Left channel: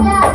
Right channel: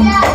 Yeah.